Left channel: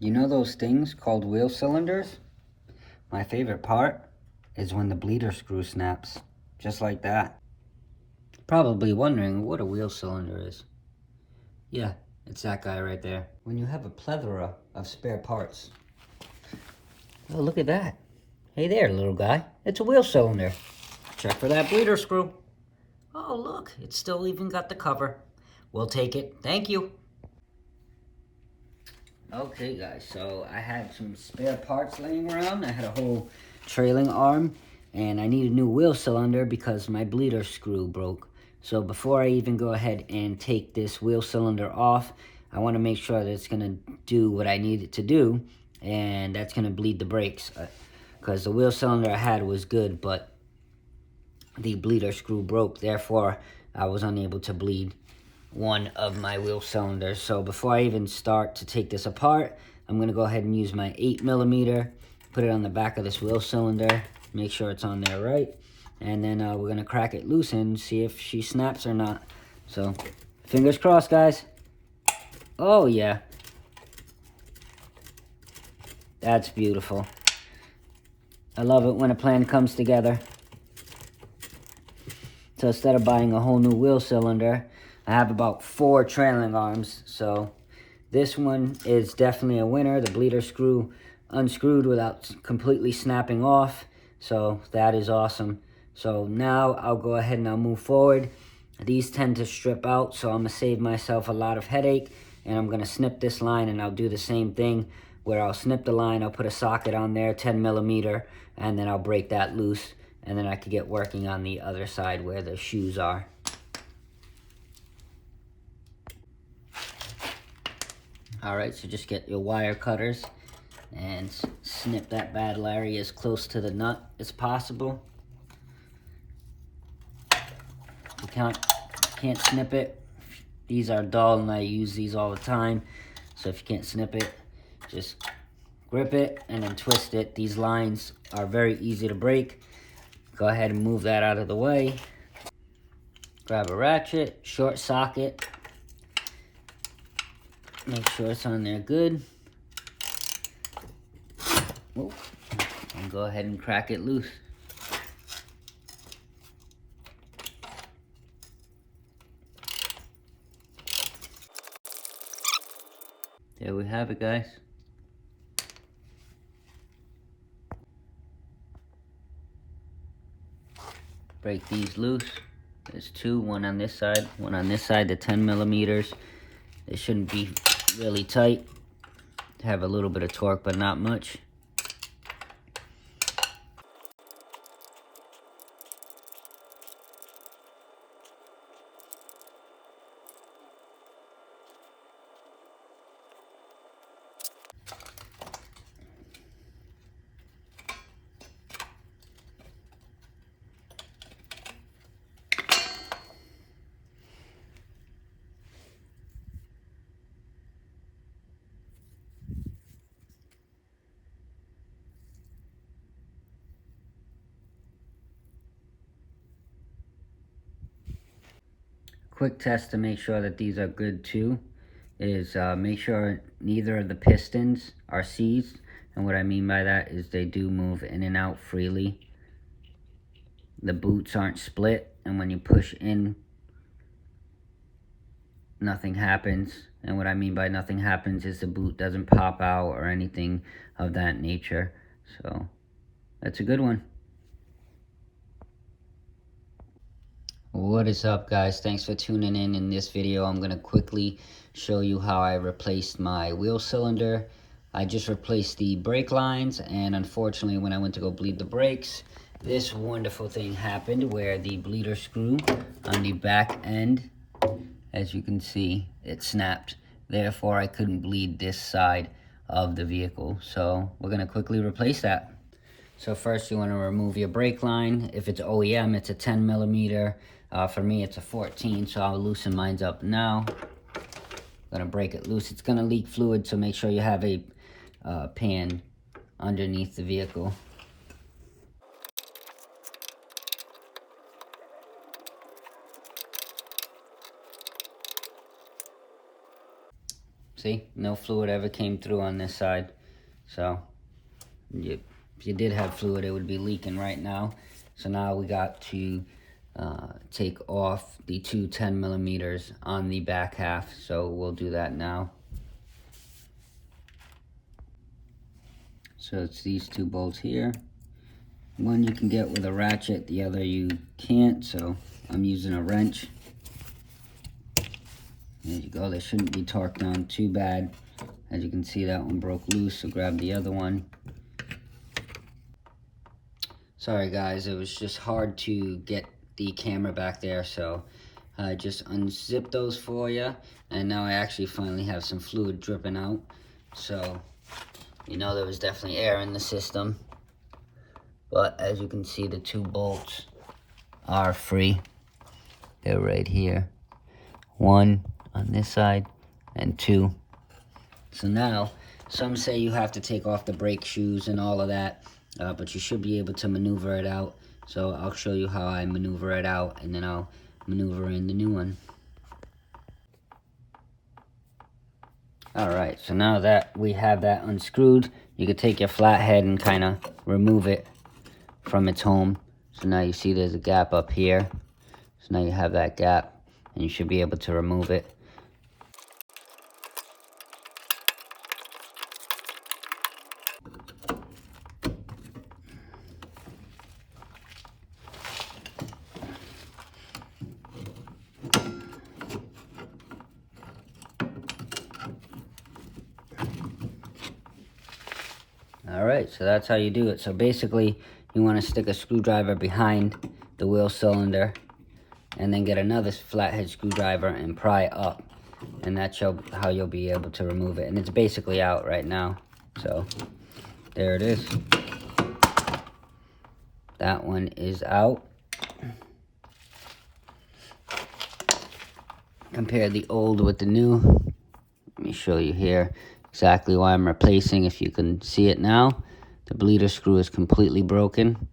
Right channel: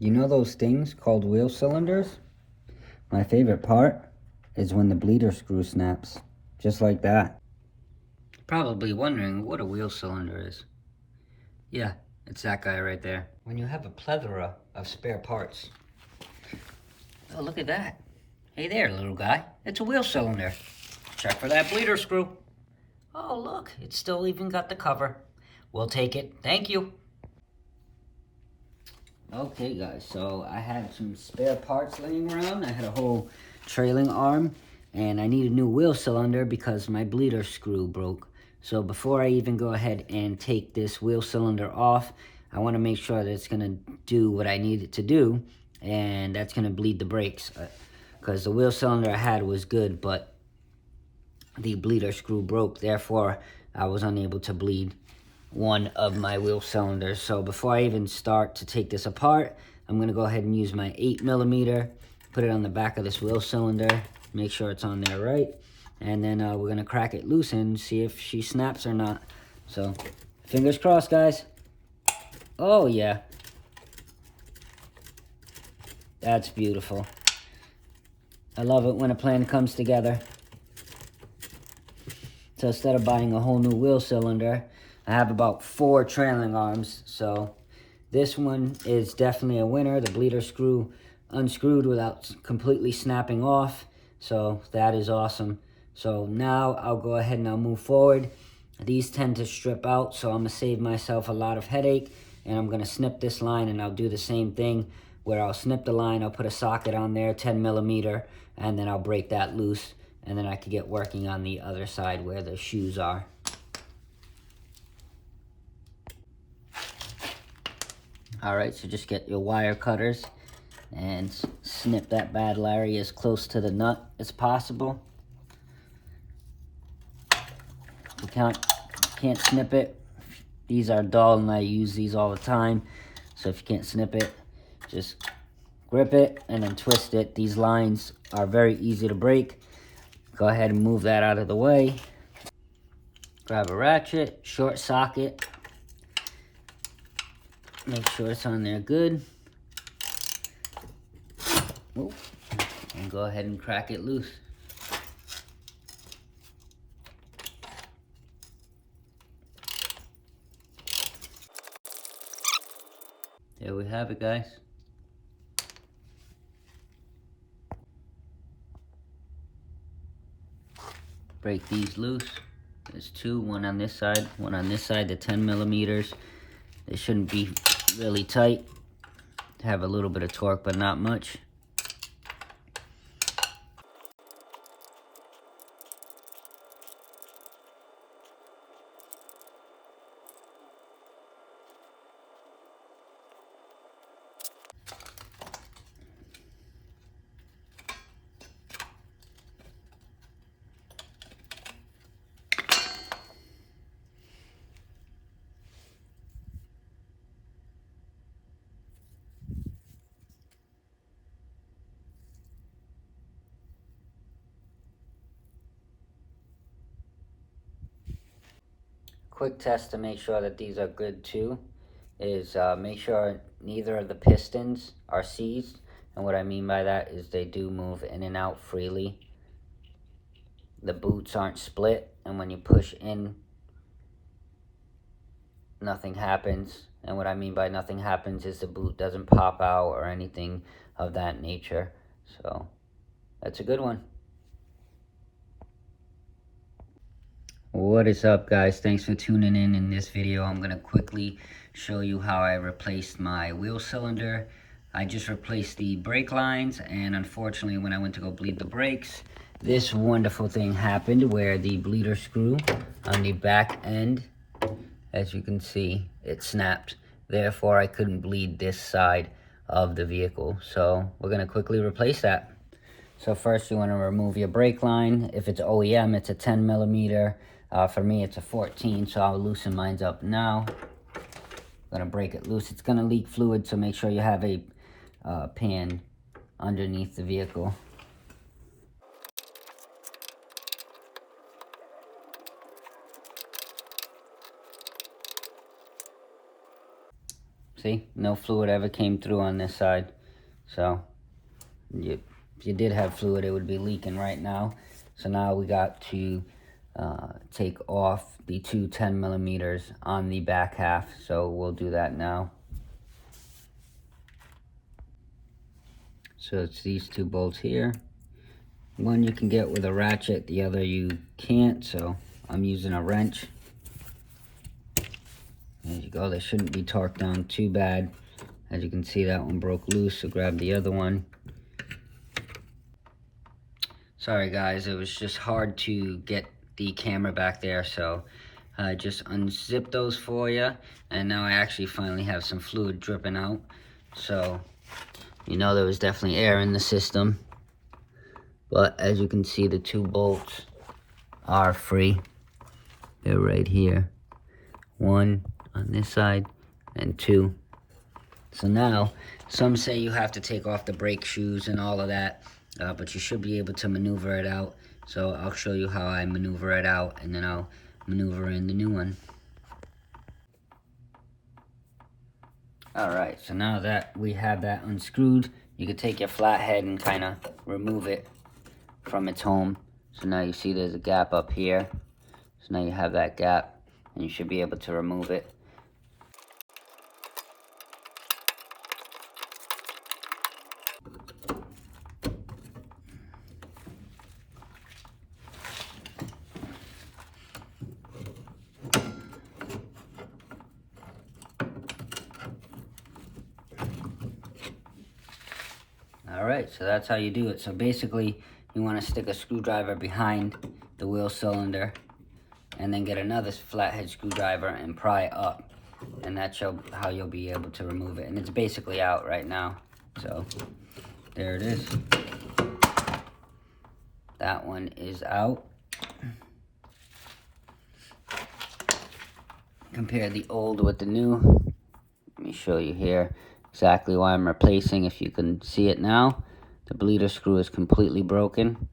You know those things called wheel cylinders? My favorite part is when the bleeder screw snaps, just like that. Probably wondering what a wheel cylinder is. Yeah, it's that guy right there. When you have a plethora of spare parts. Oh, look at that. Hey there, little guy. It's a wheel cylinder. Check for that bleeder screw. Oh, look, it's still even got the cover. We'll take it. Thank you. Okay, guys, so I had some spare parts laying around. I had a whole trailing arm, and I need a new wheel cylinder because my bleeder screw broke. So before I even go ahead and take this wheel cylinder off, I want to make sure that it's going to do what I need it to do, and that's going to bleed the brakes. Because the wheel cylinder I had was good, but the bleeder screw broke. Therefore, I was unable to bleed one of my wheel cylinders. So before I even start to take this apart, I'm going to go ahead and use my 8mm, put it on the back of this wheel cylinder, make sure it's on there right, and then we're going to crack it loose and see if she snaps or not. So fingers crossed, guys. Oh yeah, that's beautiful. I love it when a plan comes together. So instead of buying a whole new wheel cylinder, I have about 4 trailing arms. So this one is definitely a winner. The bleeder screw unscrewed without completely snapping off. So that is awesome. So now I'll go ahead and I'll move forward. These tend to strip out, so I'm going to save myself a lot of headache. And I'm going to snip this line, and I'll do the same thing where I'll snip the line, I'll put a socket on there, 10mm, and then I'll break that loose. And then I could get working on the other side where the shoes are. Alright, so just get your wire cutters and snip that bad Larry as close to the nut as possible. If you can't snip it, these are dull and I use these all the time. So if you can't snip it, just grip it and then twist it. These lines are very easy to break. Go ahead and move that out of the way. Grab a ratchet, short socket. Make sure it's on there good. Ooh. And go ahead and crack it loose. There we have it, guys. Break these loose. There's 2, one on this side, one on this side, the 10mm. They shouldn't be really tight. Have a little bit of torque, but not much. Quick test to make sure that these are good too is make sure neither of the pistons are seized. And what I mean by that is they do move in and out freely. The boots aren't split, and when you push in, nothing happens. And what I mean by nothing happens is the boot doesn't pop out or anything of that nature. So that's a good one. What is up, guys? Thanks for tuning in. In this video I'm going to quickly show you how I replaced my wheel cylinder. I just replaced the brake lines, and unfortunately when I went to go bleed the brakes, this wonderful thing happened where the bleeder screw on the back end, as you can see, it snapped. Therefore I couldn't bleed this side of the vehicle. So we're going to quickly replace that. So first you want to remove your brake line. If it's OEM, it's a 10mm. For me, it's a 14, so I'll loosen mine up now. Gonna break it loose. It's gonna leak fluid, so make sure you have a pan underneath the vehicle. See, no fluid ever came through on this side. So if you did have fluid, it would be leaking right now. So now we got to take off the two 10 millimeters on the back half. So we'll do that now. So it's these two bolts here. One you can get with a ratchet, the other you can't, so I'm using a wrench. There you go, they shouldn't be torqued down too bad. As you can see, that one broke loose, so grab the other one. Sorry guys, it was just hard to get the camera back there, so I just unzipped those for you, and now I actually finally have some fluid dripping out. So you know there was definitely air in the system, but as you can see, the two bolts are free. They're right here, one on this side and two. So now some say you have to take off the brake shoes and all of that, but you should be able to maneuver it out. So I'll show you how I maneuver it out, and then I'll maneuver in the new one. Alright, so now that we have that unscrewed, you can take your flathead and kind of remove it from its home. So now you see there's a gap up here. So now you have that gap, and you should be able to remove it. Alright, so that's how you do it. So basically, you want to stick a screwdriver behind the wheel cylinder, and then get another flathead screwdriver and pry up. And that's how you'll be able to remove it. And it's basically out right now. So, there it is. That one is out. Compare the old with the new. Let me show you here exactly why I'm replacing. If you can see it now, the bleeder screw is completely broken,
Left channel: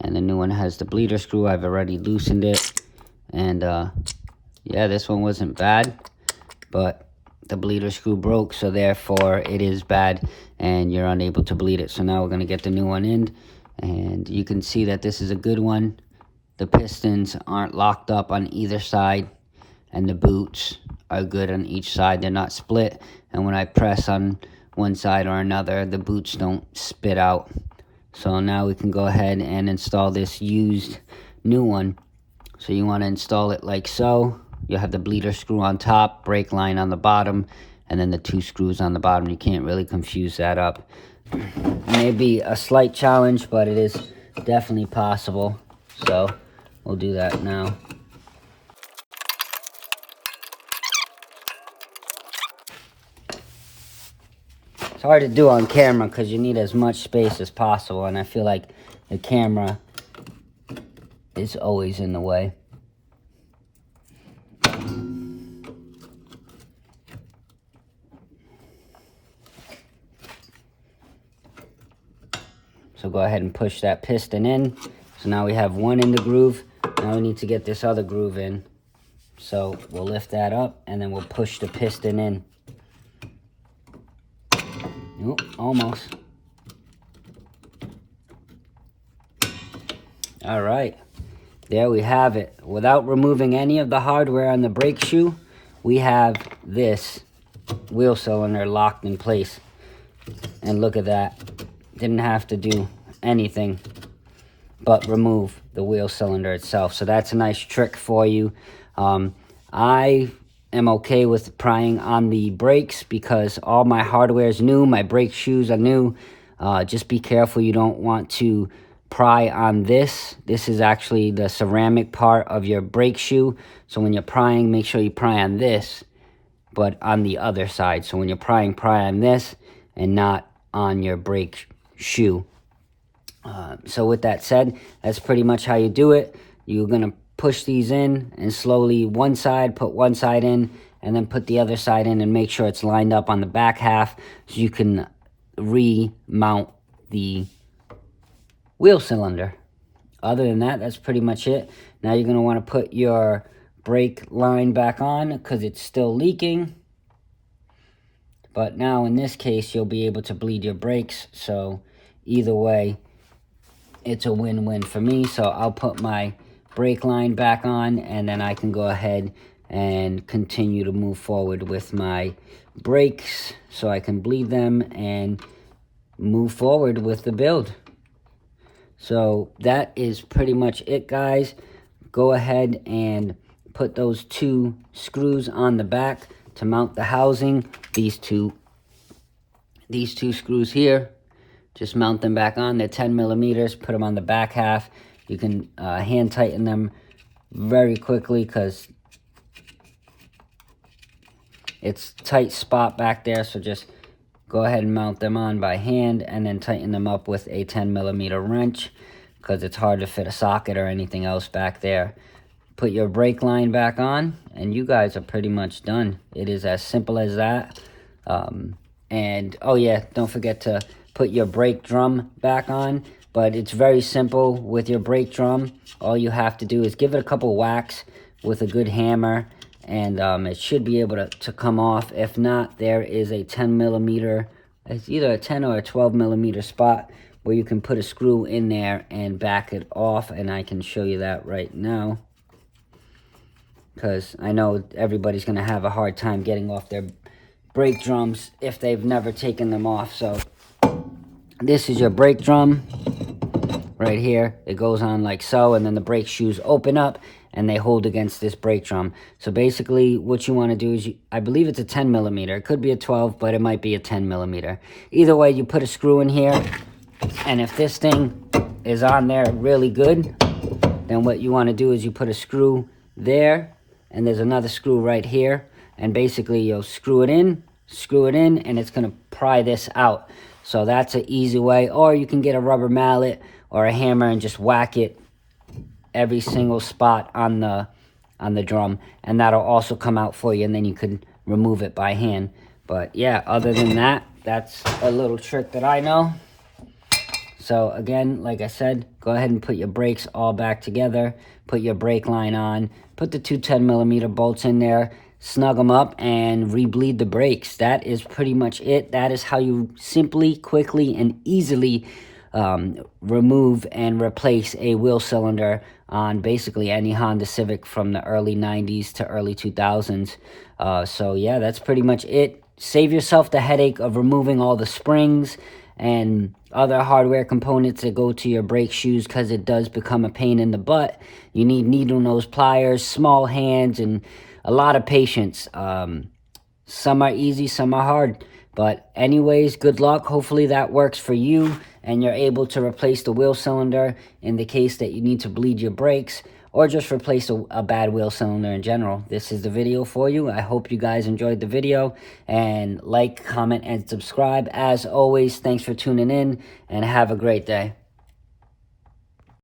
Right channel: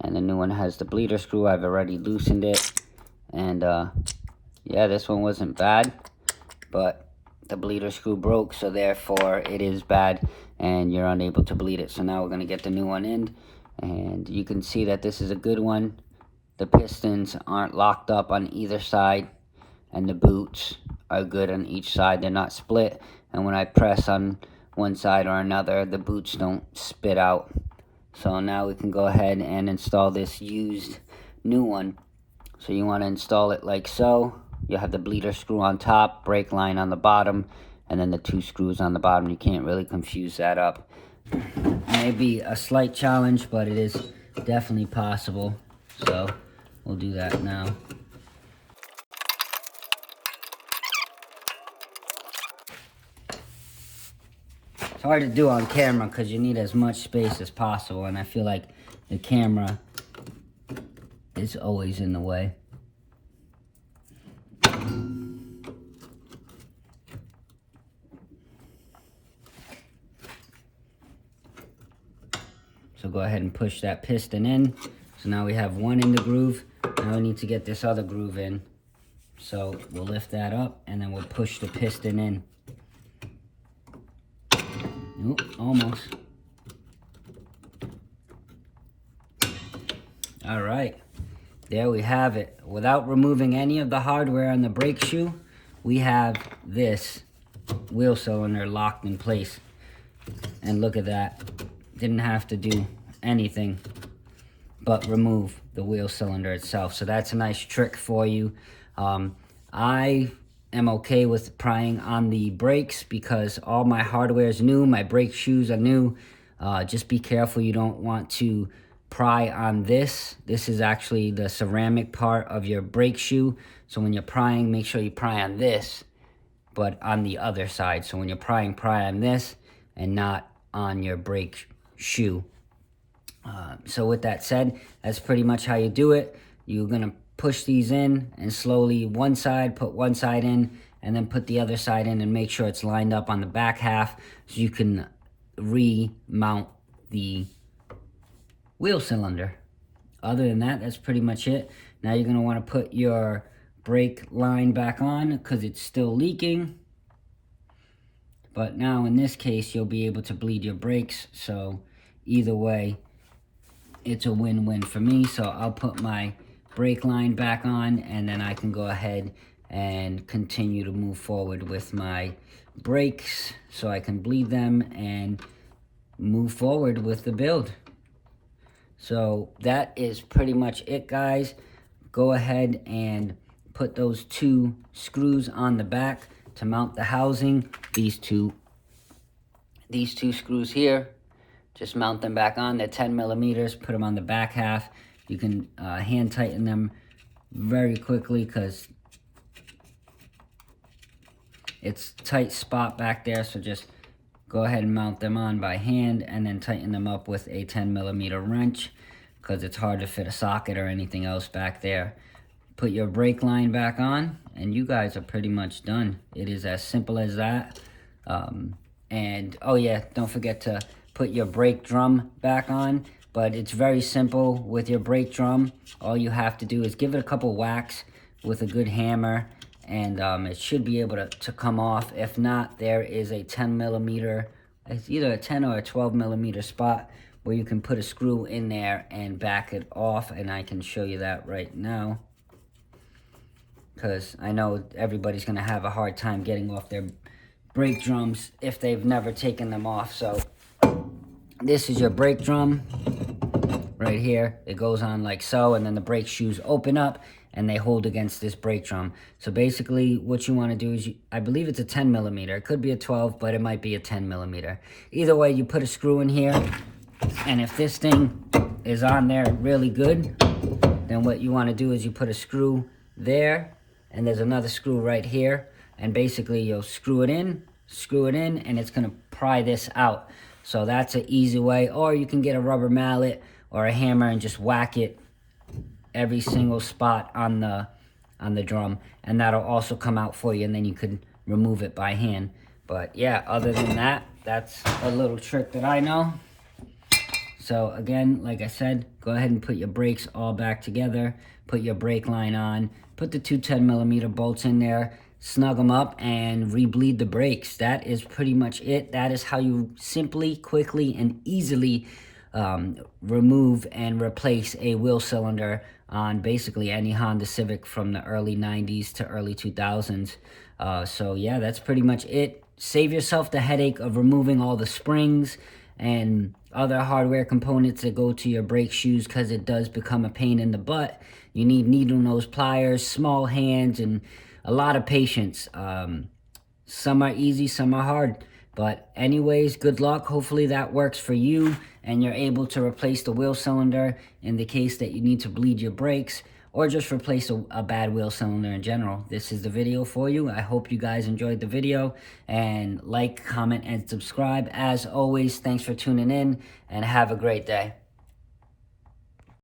and the new one has the bleeder screw. I've already loosened it, and yeah, this one wasn't bad, but the bleeder screw broke, so therefore it is bad and you're unable to bleed it. So now we're going to get the new one in, and you can see that this is a good one. The pistons aren't locked up on either side, and the boots are good on each side. They're not split, and when I press on one side or another, the boots don't spit out. So now we can go ahead and install this used new one. So you want to install it like so. You'll have the bleeder screw on top, brake line on the bottom, and then the two screws on the bottom. You can't really confuse that up. It may be a slight challenge, but it is definitely possible. So we'll do that now. It's hard to do on camera because you need as much space as possible, and I feel like the camera is always in the way. So go ahead and push that piston in. So now we have one in the groove. Now we need to get this other groove in. So we'll lift that up, and then we'll push the piston in. Nope, almost. All right, there we have it. Without removing any of the hardware on the brake shoe, we have this wheel cylinder locked in place. And look at that. Didn't have to do anything but remove the wheel cylinder itself. So that's a nice trick for you. I am okay with prying on the brakes because all my hardware is new. My brake shoes are new. Just be careful, you don't want to pry on this. This is actually the ceramic part of your brake shoe. So when you're prying, make sure you pry on this, but on the other side. So when you're prying, pry on this and not on your brake shoe. So with that said, that's pretty much how you do it. You're going to push these in and slowly one side, put one side in, and then put the other side in and make sure it's lined up on the back half so you can remount the wheel cylinder. Other than that, that's pretty much it. Now you're going to want to put your brake line back on because it's still leaking. But now in this case, you'll be able to bleed your brakes. So either way, it's a win-win for me. So I'll put my brake line back on, and then I can go ahead and continue to move forward with my brakes so I can bleed them and move forward with the build. So that is pretty much it, guys. Go ahead and put those 2 screws on the back to mount the housing. These two screws here, just mount them back on. They're 10 millimeters. Put them on the back half. You can hand tighten them very quickly because it's a tight spot back there. So just go ahead and mount them on by hand and then tighten them up with a 10 millimeter wrench because it's hard to fit a socket or anything else back there. Put your brake line back on and you guys are pretty much done. It is as simple as that. And oh yeah, don't forget to put your brake drum back on. But it's very simple with your brake drum. All you have to do is give it a couple whacks with a good hammer, and it should be able to come off. If not, there is a 10 millimeter, it's either a 10 or a 12 millimeter spot where you can put a screw in there and back it off, and I can show you that right now because I know everybody's going to have a hard time getting off their brake drums if they've never taken them off. So this is your brake drum right here. It goes on like so, and then the brake shoes open up and they hold against this brake drum. So basically what you want to do is, I believe it's a 10 millimeter. It could be a 12, but it might be a 10 millimeter. Either way, you put a screw in here, and if this thing is on there really good, then what you want to do is you put a screw there, and there's another screw right here, and basically you'll screw it in, and it's going to pry this out. So that's an easy way. Or you can get a rubber mallet or a hammer and just whack it every single spot on the drum, and that'll also come out for you, and then you could remove it by hand. But yeah, other than that, that's a little trick that I know. So again, like I said, go ahead and put your brakes all back together, put your brake line on, put the 2 10 millimeter bolts in there, snug them up, and re-bleed the brakes. That is pretty much it. That is how you simply, quickly, and easily remove and replace a wheel cylinder on basically any Honda Civic from the early 90s to early 2000s. So yeah, that's pretty much it. Save yourself the headache of removing all the springs and other hardware components that go to your brake shoes, because it does become a pain in the butt. You need needle nose pliers, small hands, and a lot of patience. Some are easy, some are hard. But anyways, good luck. Hopefully that works for you and you're able to replace the wheel cylinder in the case that you need to bleed your brakes, or just replace a bad wheel cylinder in general. This is the video for you. I hope you guys enjoyed the video, and like, comment, and subscribe. As always, thanks for tuning in, and have a great day.